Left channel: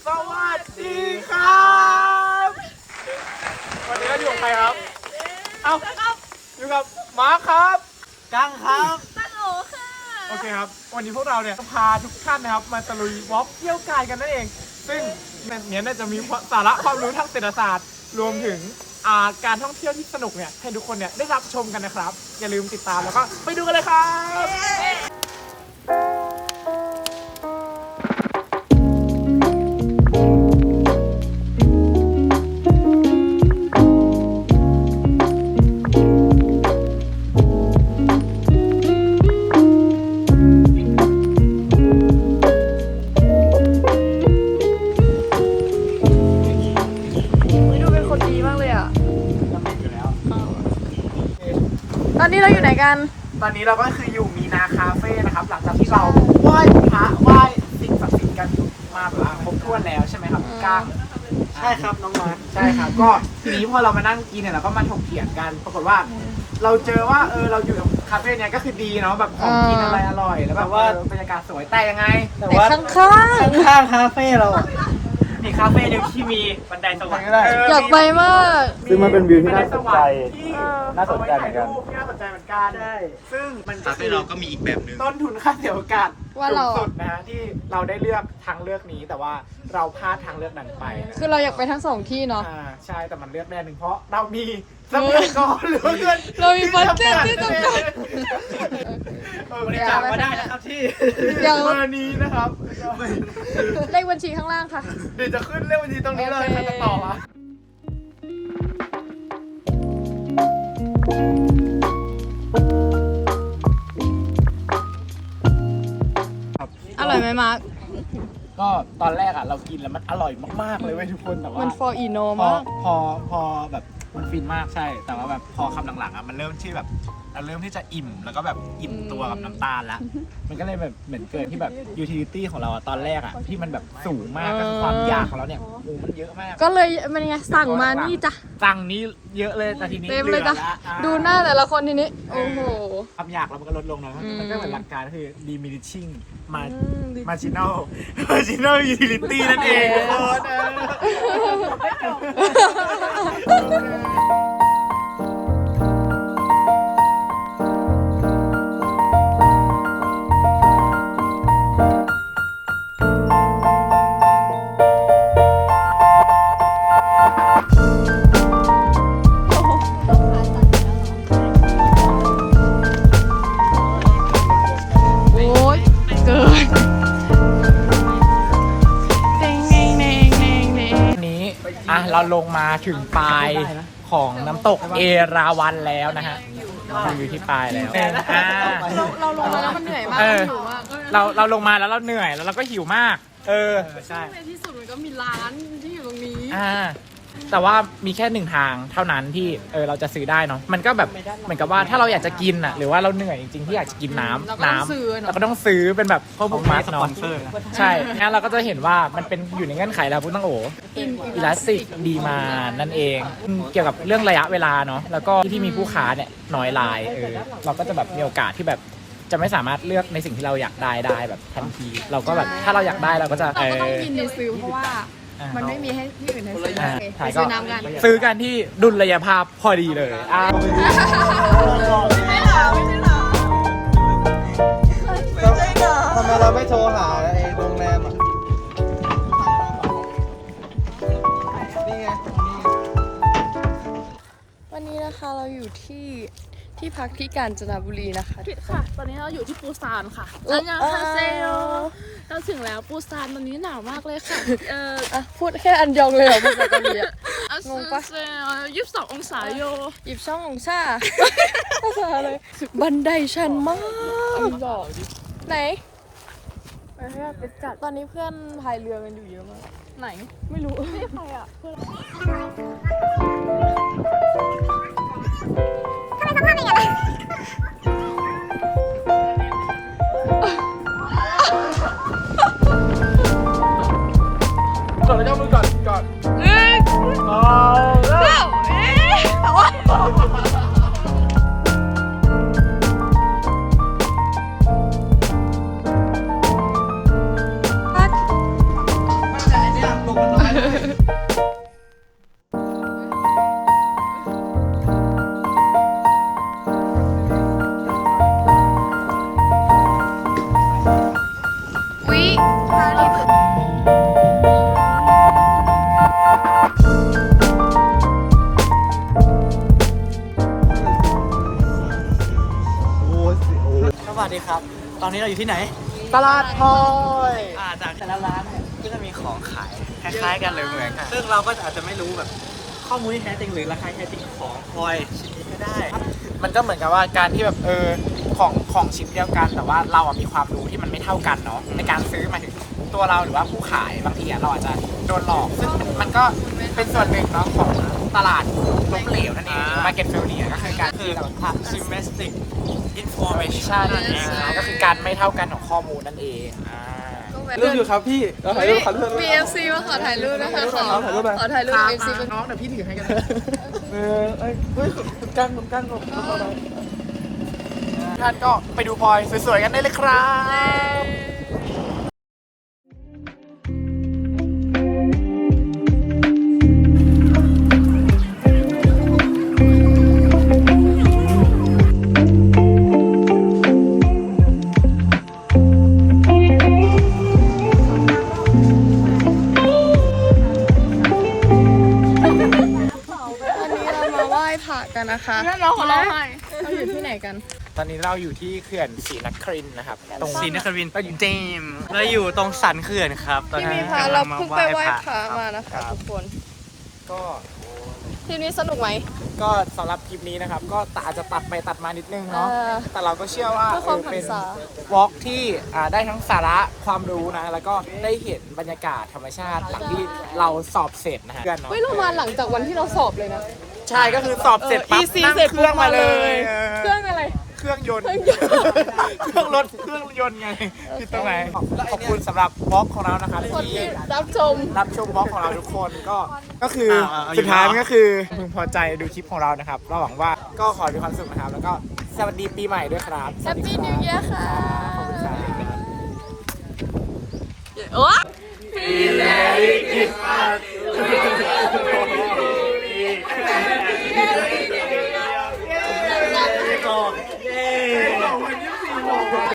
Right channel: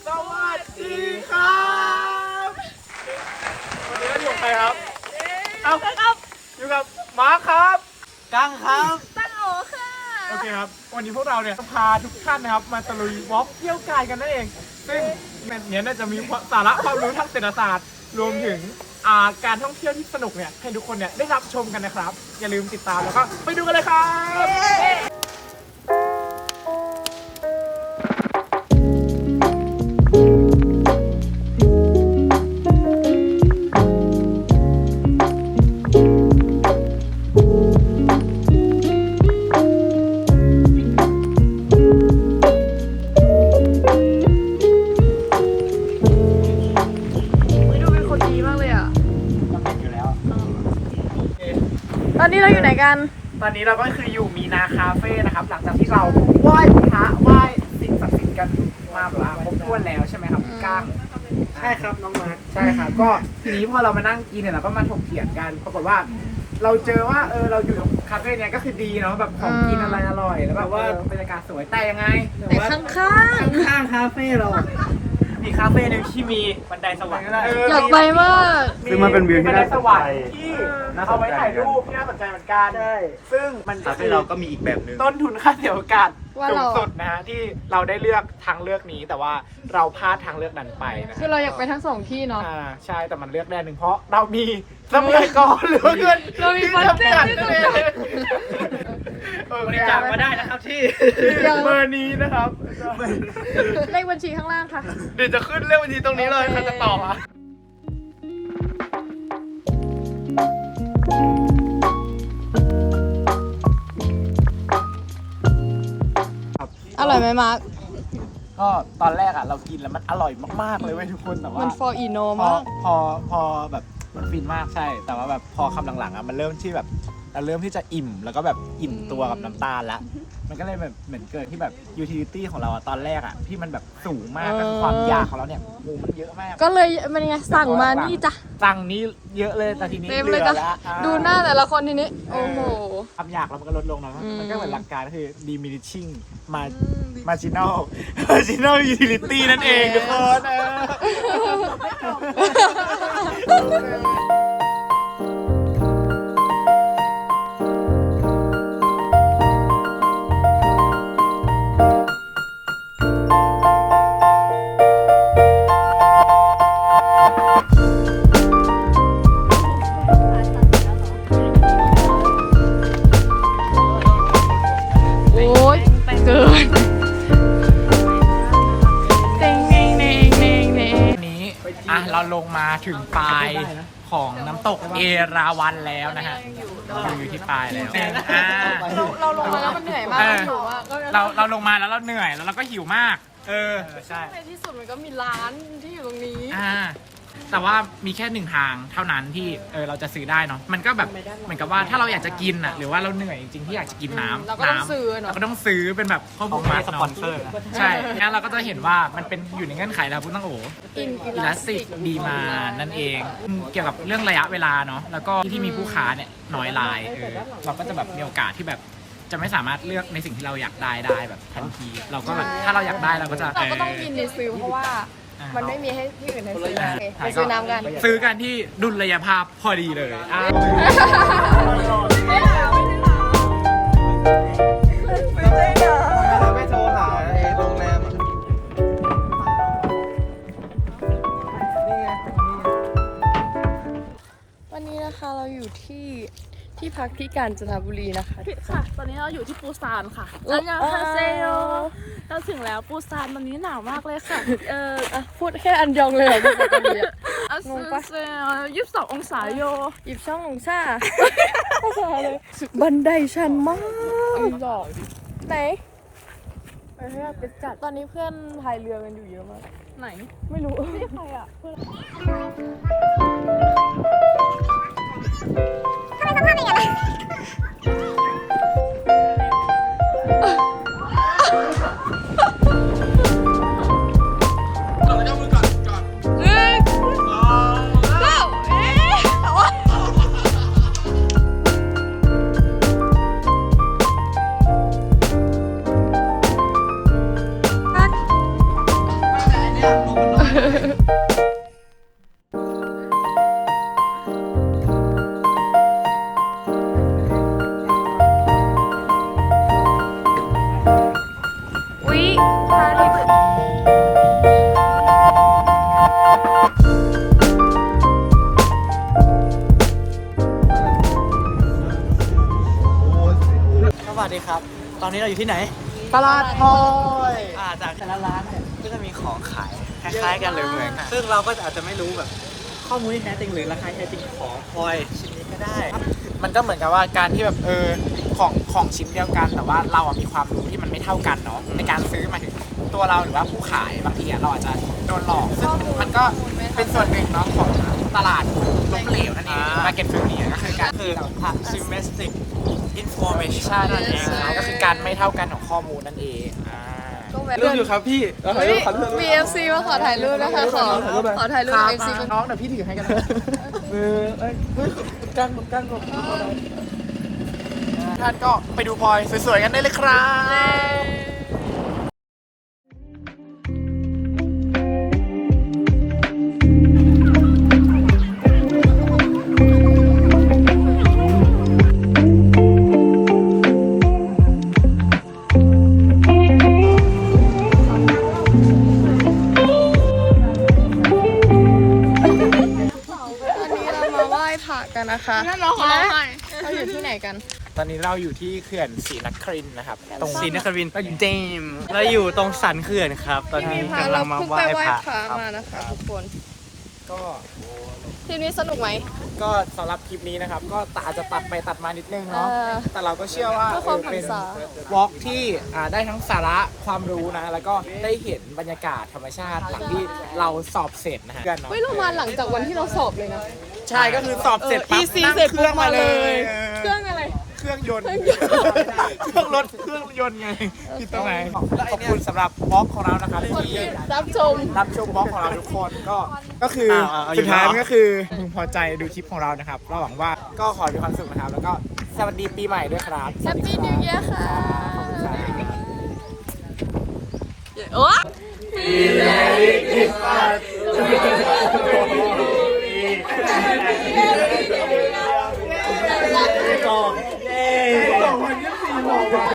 สวัสดีครับวันนี้เราอยู่กับใครครับเอาอยู่กับมาร์คครับกังครับตั้งโอค่ะโอเคครับวันนี้พวกเราเนี่ยจะพาทุกท่านนะครับมาตะลุยวอล์กเที่ยวกายกันนั่นเองซึ่งเนี้ยน่าจะมีสาระความรู้ทางเศรษฐศาสตร์รวมถึงการท่องเที่ยวที่สนุกเนี่ยให้ทุกคนเนี่ยได้รับชมกันนะครับอย่าลืมติดตามแล้วก็ไปดูกันเลยครับตอนนี้เราอยู่ไหนกันตอนนี้เราก็คืออยู่มีนาคาเฟ่นะครับหลังจากที่เราไหว้พระไหว้สิ่งศักดิ์สิทธิ์กันมาแบบครบถ้วนแล้วใช่ไหมครับพี่ก้างใช่ครับน้องมาร์คใช่ครับก็ทีนี้พอเรามานั่งกินเนี่ยเราก็มาถกเถียงกันปรากฏว่าเราเจอว่าเราอยู่คาเฟ่เนี่ยก็คือดีเนาะแบบของกินอะไรอร่อยแล้วแบบว่าบรรยากาศสวยแต่ยังไงแต่ว่าข้างข้างคาเฟ่เรามีคาเฟ่หนึ่งที่มีบันไดสวรรค์ๆอยากไปมากคือมันเป็นวิวที่น่าสนใจที่เอาไว้ถ่ายรูปที่น่าสนใจเหมือนกันใช่ซึ่งมันคาเฟ่เราก็มีอีกแบบหนึ่งต้นทุนค่าเสียโอกาสสูงสุดนะฮะที่เราได้เลือกทางเลือกนี้แต่ว่าเราพลาดทางเลือกนั้นไปนะคือเราอยากไปทั้งสองที่เนาะใช่แต่มันเลือกได้หนึ่งเพราะเรามีทรัพยากรหรือว่าเงินเรามีบัตเจ็ตที่จำกัดบริจาคมาได้นะครับที่เบอร์นี้นะครับเลขบัญชีข้างล่างค่ะเดี๋ยวจะขึ้นเลขบัญชีตรงนี้เลยใครจะต่ออ่ะอร่อยไหมมาร์คก็ตอนแรกอ่ะเรากินแล้วมันอร่อยมากๆเลยเว้ยทุกคนแต่ว่ามันฟอร์อีโนพอมากพอแบบมันฟินมากใช่แต่ว่าแบบพอคำหลังๆอ่ะมันเริ่มที่แบบเราเริ่มที่จะอิ่มแล้วก็แบบอิ่มตัวกับน้ำตาลละมันก็เลยแบบเหมือนเกิดที่แบบยูทิลิตี้ของเราอ่ะตอนแรกอ่ะที่มันแบบสูงมากก็คือความอยากของเราเนี่ยโอ้มันเยอะมากก็เลยมันไงสั่งมานี่จ้ะสั่งนี้เยอะเลยแต่ทีนี้เต็มเลยจ้ะหอดูหน้าแต่ละคนทีนี้ โอ้โหความอยากเรามันก็ลดลงเนาะมันก็เหมือนหลักการก็คือ diminishing ม marginal utility นั่นเองทุกคนโอ้ยเกินเต็งเน่งเน่งเน่งเน่งวันนี้เราลงมาถึงปลายของน้ำตกเอราวัณแล้วนะฮะอยู่ที่ปลายแล้วเราลงมาแล้วมันเหนื่อยมากหิวมากเราลงมาแล้วเราเหนื่อยแล้วเราก็หิวมากใช่ในที่สุดมันก็มีร้านที่อยู่ตรงนี้แต่ว่ามีแค่หนึ่งทางเท่านั้นที่เราจะซื้อได้เนาะมันก็แบบเหมือนกับว่าถ้าเราอยากจะกินอ่ะหรือว่าเราเหนื่อยจริงๆที่อยากจะกินน้ำเราก็ต้องซื้อเป็นแบบพวกบุ๊กมาร์คเนาะใช่งั้นเราก็จะเห็นว่ามันเป็นอยู่ในเงื่อนไขแล้วพุทธังโออิลาสติกดีมานั่นเองเกี่ยวกับเรื่องระยะเวลาเนาะแล้วก็ที่มีผู้ค้าเนี่ยน้อยรายเราก็จะแบบมีโอกาสที่แบบจะไม่สามารถเลือกในสิ่งที่เราอยากได้แบบทันทีเราก็แบบถ้าเราอยากได้เราก็จะต้องกินหรือซื้อเพราะว่ามันไม่มีให้ที่อื่นในซื้อซื้อน้ำกันซื้อกันที่ดุลยภาพพอดีเลยทำไมเราไม่โทรหาโรงแรมอ่ะนี่ไงนี่ไงวันนี้นะคะเราอยู่ที่พักที่กาญจนบุรีนะคะค่ะ ตอนนี้เราอยู่ที่ปูซานค่ะอันยองฮาเซโยเราถึงแล้วปูซานตอนนี้หนาวมากเลยค่ะพูดแค่อันยองเลยเหรอพูดปกติอะอันเซ22 องศาโย 22 องศาเลยบันไดชันมากไหน ตอนนี้เพื่อนพายเรือกันอยู่เยอะมากไหนไม่รู้เนี่ยลงมาหน่อยอุ๊ยพาดิสวัสดีครับ ตอนนี้เราอยู่ที่ไหนตลาดพลอยจากร้านที่มันมีของขายคล้ายๆกันเลยเหมือนกันซึ่งเราก็อาจจะไม่รู้แบบข้อมูลที่แท้จริงหรือราคาแท้จริงของพลอยชิ้นนี้ก็ได้ มันก็เหมือนกับว่าการที่แบบของชิ้นเดียวกันแต่ว่าเราอะมีความรู้ที่มันไม่เท่ากันเนาะในการซื้อมาถึงตัวเราหรือว่าผู้ขายบางทีอะเราอาจจะโดนหลอกซึ่งมันก็เป็นส่วนหนึ่งเนาะของตลาดล้มเหลวนั่นเองมาเก็ตฟิลนี้ก็คือการคือ asymmetric information นั่นเองครับก็คือการไม่เท่ากันของข้อมูลนั่นเองรูปอยู่ครับพี่เราถ่ายรูปครับ BFC มาขอถ่ายรูปนะคะขอถ่ายรูป BFC น้องเดี๋ยวพี่ถือให้กันกันท่านก็ไปดูพลอยสวยๆกันได้เลยครับตอนนี้เรามาไหว้พระกันนะคะเราอยู่ที่ไหนกันตอนนี้เราอยู่ที่เขื่อนศรีนครินทร์นะครับ ตรงศรีนครินทร์เจมเราอยู่ตรงสันเขื่อนครับ ตอนนี้กำลังมาไหว้พระครับมานะคะทุกคนก็ทีนี้สนุกไหมก็สำหรับคลิปนี้นะครับ ก็อาจจะตัดไปตัดมานิดนึงเนาะ แต่เราก็เชื่อว่าเพื่อความหันษาวอล์กที่ได้ทั้งสาระความรู้นะ แล้วก็ได้เห็นบรรยากาศธรรมชาติหลังที่เราสอบเสร็จนะฮะเฮ้ยเรามาหลังจากวันที่เราสอบเลยนะใช่ก็คือสอบเสร็จปั๊บ EC เสร็จปุ๊บมาเลย เคเครื่องอะไรรื่องยนต์ เครื่องรถเครื่องยนต์ไงที่ตรงไหนขอบคุณสำหรับวอล์กของเรานะครับคนที่ที่รับชมรับชมบล็อกของเราทุกคนก็คือสุดท้ายก็คือพึงพอใจดูคลิปของเรานะครับเราหวังว่าก็ขอให้มีความสุขนะครับแล้วก็สวัสดีปีใหม่ด้วยครับ Happy New Year ค่ะโอ้ Merry Christmas